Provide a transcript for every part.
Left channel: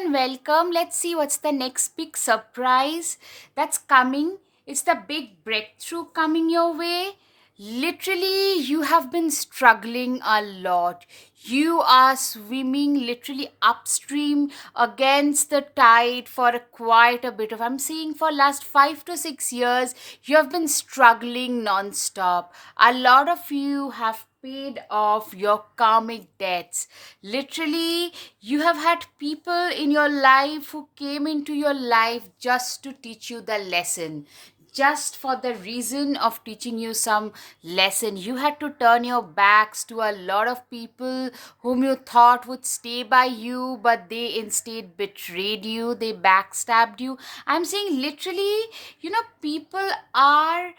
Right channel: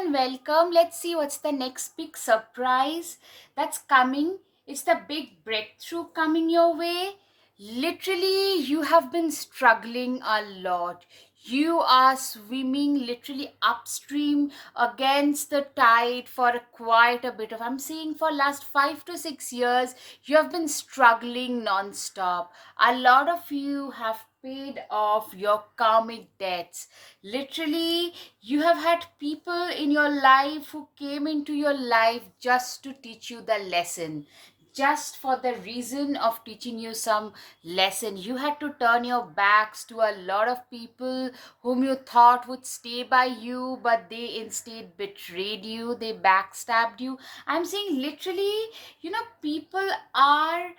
and welcome. Let's see what's the next big surprise that's coming. It's the big breakthrough coming your way. Literally, you have been struggling a lot. You are swimming literally upstream against the tide for quite a bit of. I'm seeing for last 5 to 6 years, you have been struggling non-stop. A lot of you have paid off your karmic debts. Literally, you have had people in your life who came into your life just to teach you the lesson, just for the reason of teaching you some lesson. You had to turn your backs to a lot of people whom you thought would stay by you, but they instead betrayed you, they backstabbed you. I'm saying literally, people are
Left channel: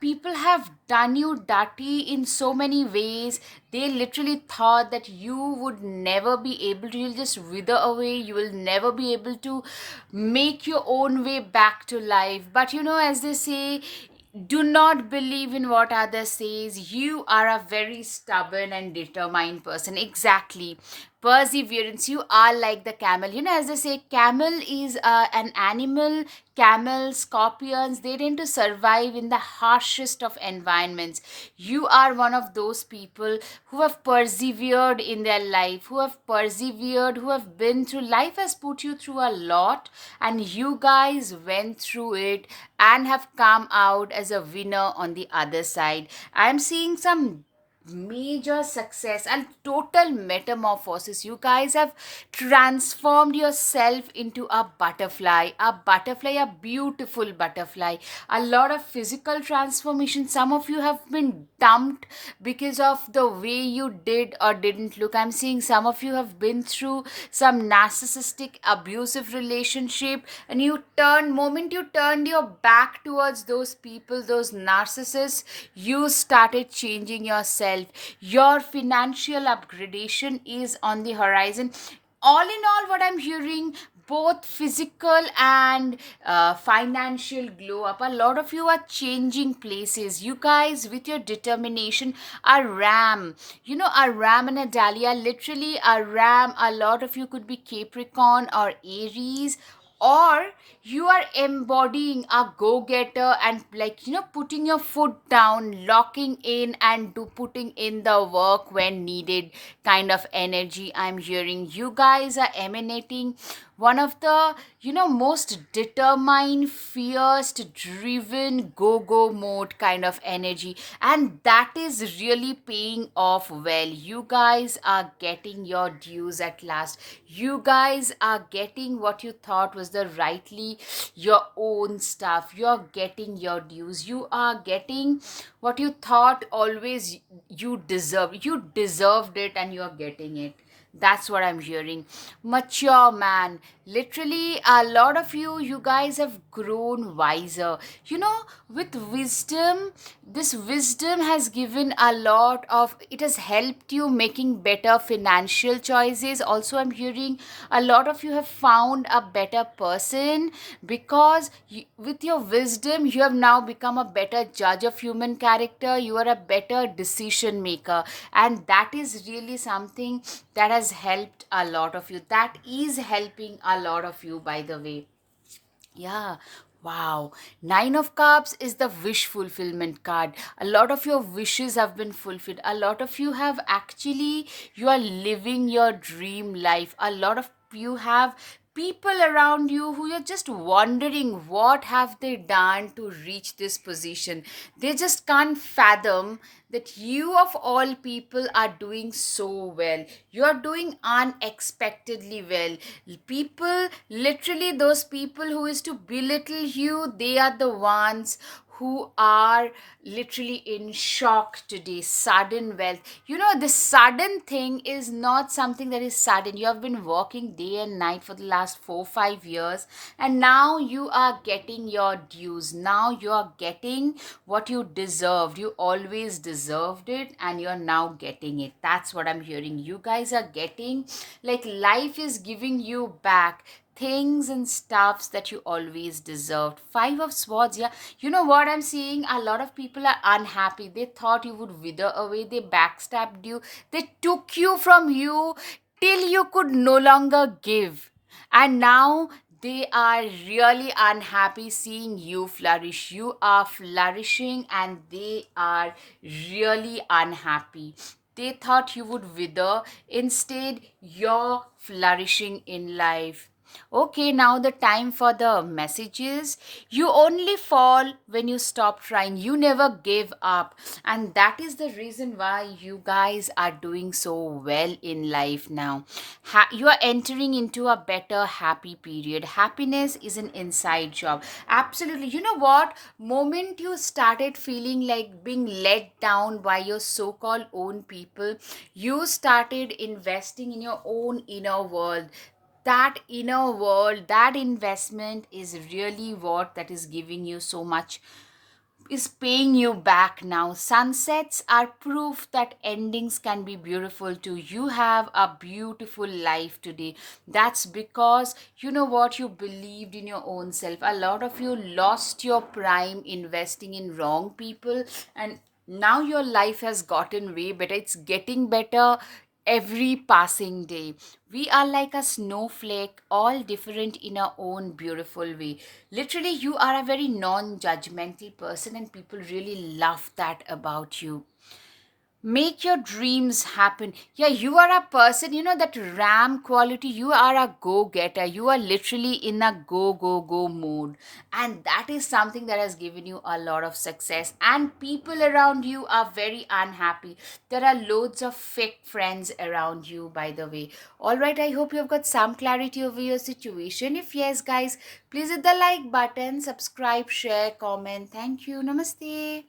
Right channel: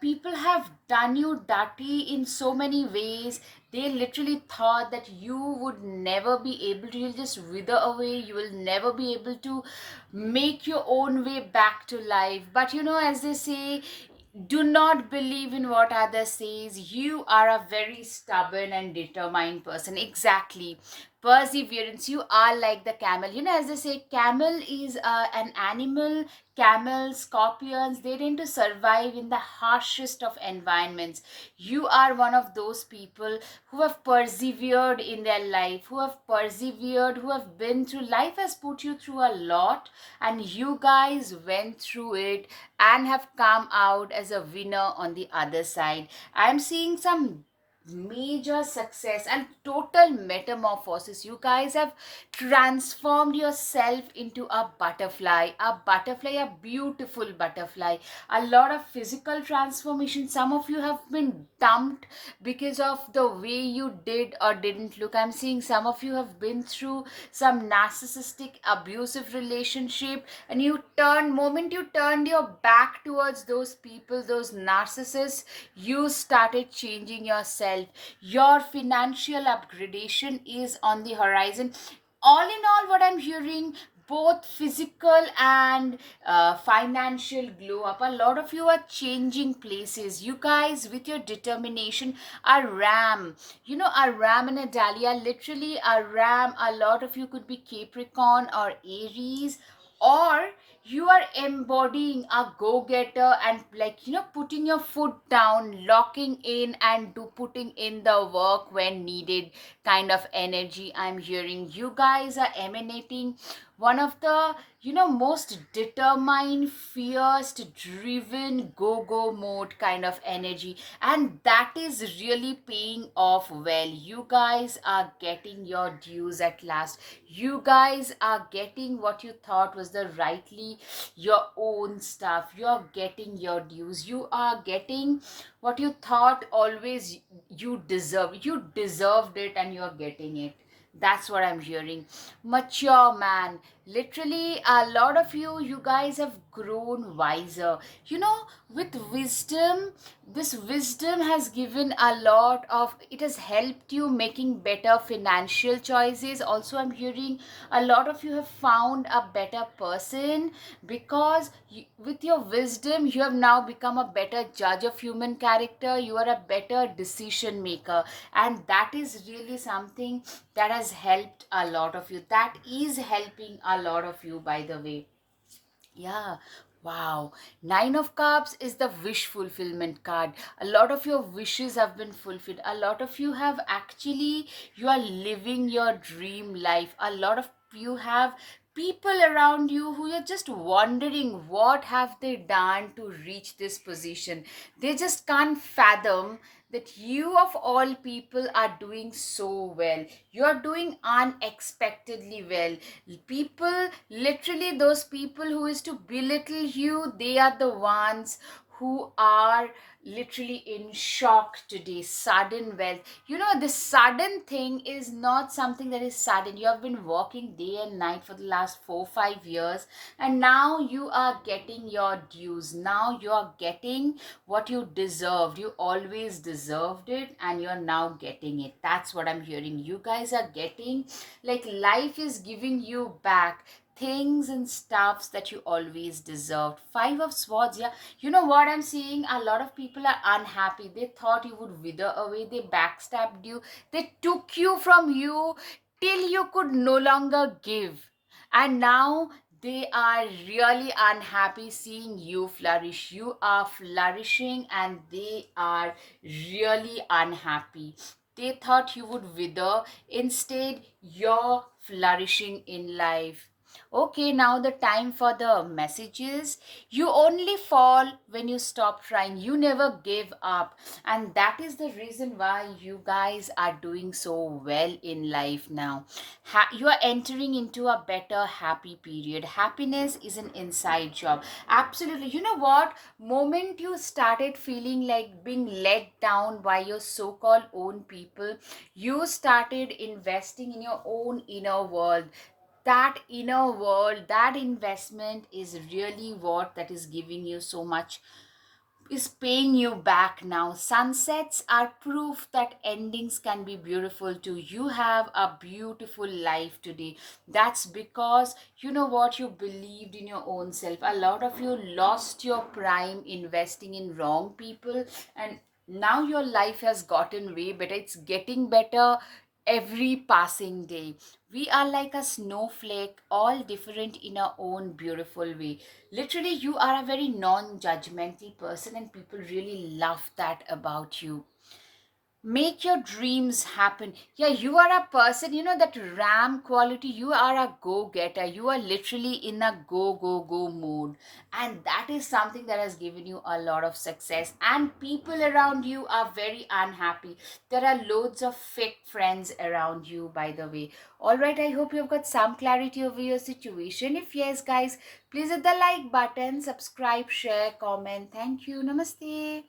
people have done you dirty in so many ways. They literally thought that you would never be able to, you'll just wither away, you will never be able to make your own way back to life. But as they say, do not believe in what others says. You are a very stubborn and determined person. Exactly. Perseverance. You are like the camel. As they say, camel is an animal. Camels, scorpions, they tend to survive in the harshest of environments. You are one of those people who have persevered in their life, who have persevered, who have been through life, has put you through a lot, and you guys went through it and have come out as a winner on the other side. I'm seeing some major success and total metamorphosis. You guys have transformed yourself into a beautiful butterfly. A lot of physical transformation. Some of you have been dumped because of the way you did or didn't look. I'm seeing some of you have been through some narcissistic abusive relationship, and you turned your back towards those people, those narcissists, you started changing yourself. Your financial upgradation is on the horizon. All in all, what I'm hearing, both physical and financial glow up. A lot of you are changing places. You guys, with your determination, a ram, a ram and a dahlia, literally a ram. A lot of you could be Capricorn or Aries, or you are embodying a go-getter and, like, putting your foot down, locking in, and putting in the work when needed kind of energy. I'm hearing you guys are emanating one of the most determined, fierce, driven, go mode kind of energy, and that is really paying off well. You guys are getting your dues at last. You guys are getting what you thought was the rightly your own stuff. You're getting your dues. You are getting what you thought always you deserved it, and you're getting it. That's what I'm hearing. Mature man. Literally, a lot of you guys have grown wiser. With wisdom, this wisdom has given a lot of, it has helped you making better financial choices. Also, I'm hearing a lot of you have found a better person because with your wisdom, you have now become a better judge of human character. You are a better decision maker, and that is really something that has helped a lot of you, that is helping a lot of you, by the way. Yeah. Wow. Nine of Cups is the wish fulfillment card. A lot of your wishes have been fulfilled. A lot of you have actually, you are living your dream life. A lot of you have people around you who you're just wondering what have they done to reach this position. They just can't fathom that you of all people are doing so well. You are doing unexpectedly well. People, literally those people who is to belittle you, they are the ones who are literally in shock today. Sudden wealth. This sudden thing is not something that is sudden. You have been working day and night for the last 4 5 years, and now you are getting your dues. Now you are getting what you deserved. You always deserved it, and you are now getting it. That's what I'm hearing. You guys are getting, like, life is giving you back things and stuffs that you always deserved. Five of Swords. Yeah, you know what I'm seeing, a lot of people are unhappy. They thought you would wither away, they backstabbed you, they took you from you, till you could no longer give. And now they are really unhappy seeing you flourish. You are flourishing and they are really unhappy. They thought you would wither. Instead, you're flourishing in life. Okay, now the time for the messages. You only fall when you stop trying. You never give up. And that is the reason why you guys are doing so well in life now. You are entering into a better, happy period. Happiness is an inside job. Absolutely. You know what? Moment you started feeling like being let down by your so called own people, you started investing in your own inner world. That inner world, that investment is really what that is giving you so much, is paying you back now. Sunsets are proof that endings can be beautiful too. You have a beautiful life today. That's because you know what, you believed in your own self. A lot of you lost your prime investing in wrong people, and now your life has gotten way better. It's getting better every passing day. We are like a snowflake, all different in our own beautiful way. Literally, you are a very non judgmental person, and people really love that about you. Make your dreams happen. Yeah, you are a person, you know, that ram quality. You are a go getter. You are literally in a go mode. And that is something that has given you a lot of success. And people around you are very unhappy. There are loads of fake friends around you, by the way. All right, I hope you have got some clarity over your situation. If yes, guys, please hit the like button, subscribe, share, comment. Thank you. Namaste.